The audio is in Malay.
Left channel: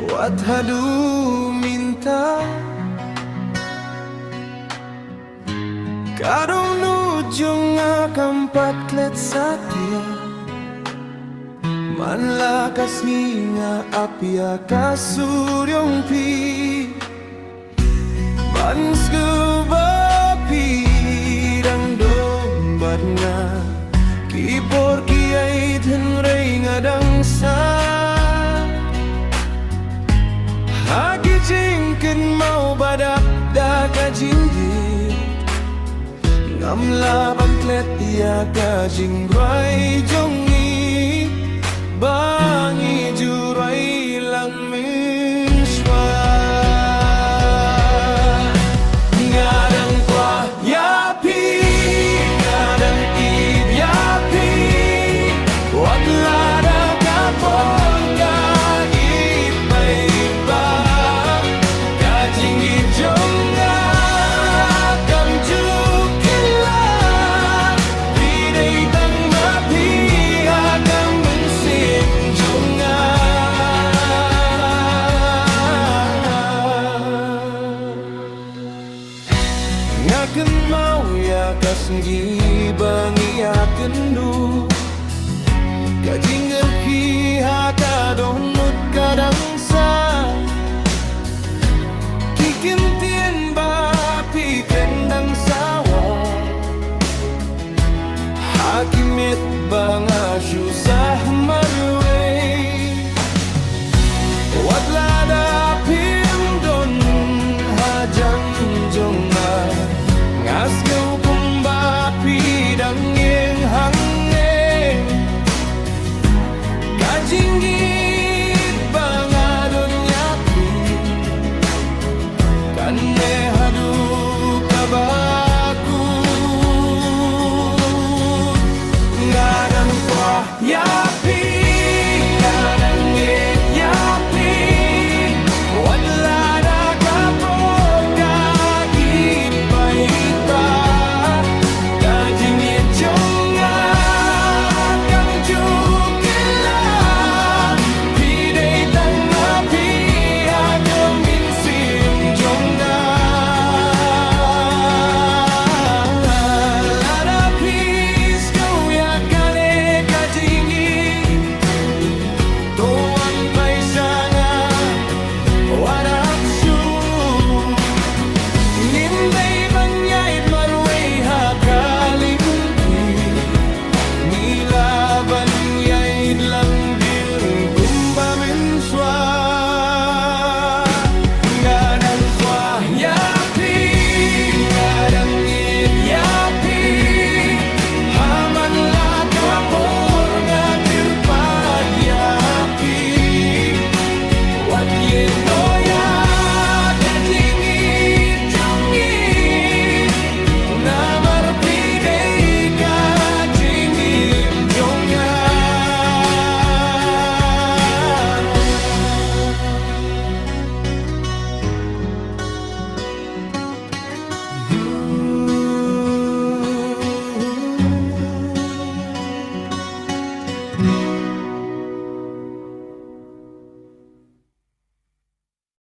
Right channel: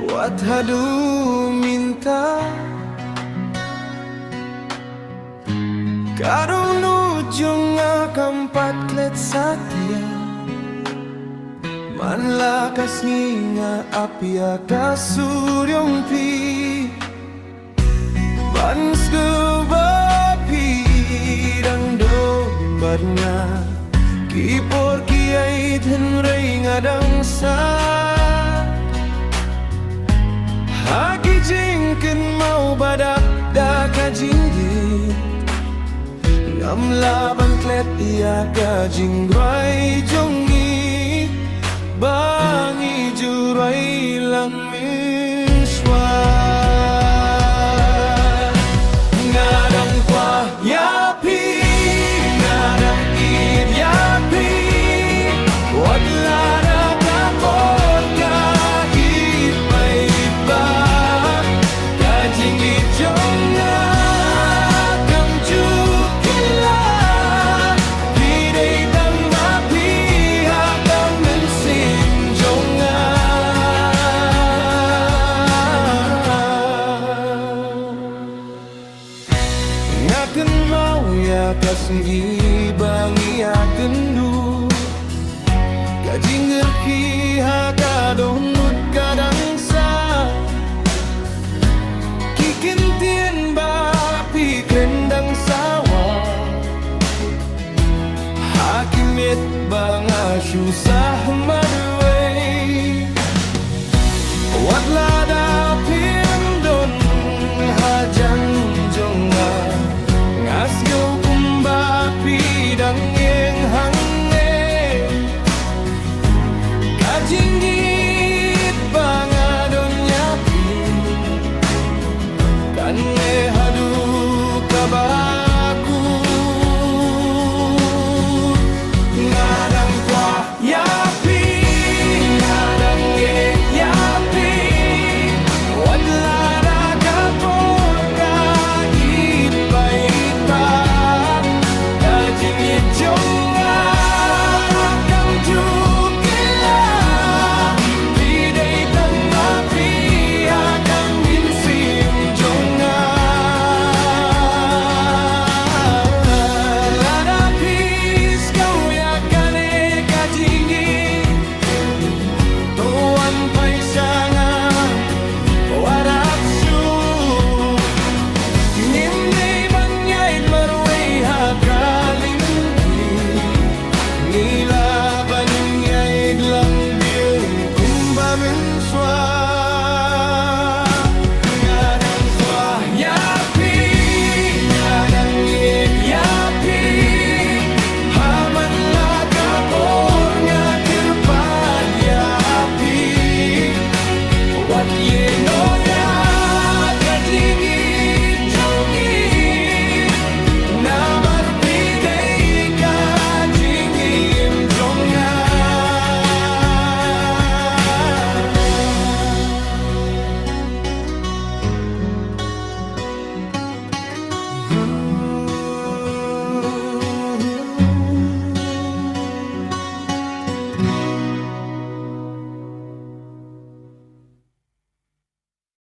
Wat hadu minta Karong nujung akampat klet satya Manlakas nga apya kasuryong pi Bans kebapi dang dombat nga Kipor kiai tenrei ngadang sa Haki jingken mau badak da kajinggi Ngam laban klet ia kajingrai jongi Bangi jurai lang minswa Ngadang kwa yapi Ngadang id yapi Wat lada kapor ka ipa Kajing ijonga Kam jukila Hiday tang mapiha Kam mensim jonga Ngaken mau ya kasenggi bangi aken du Kajing ngerki haka donut kadang sa Kikin tien bapi kendang sawa Hakimit banga susah marwe Wat lada pim don hajang jonga Ngas ngau kumbapi dang yang hange Kajinggit bangadon nyapi Kane hadu kabaku Ngadang kwa yapi Ngadang yapi Wat lada kapor ka ipa Kajinggit jonga Kam jukila Hiday tang mapiha Kam minsim jonga Lada pis kau ya kane kajinggi Tuan paisanga Warap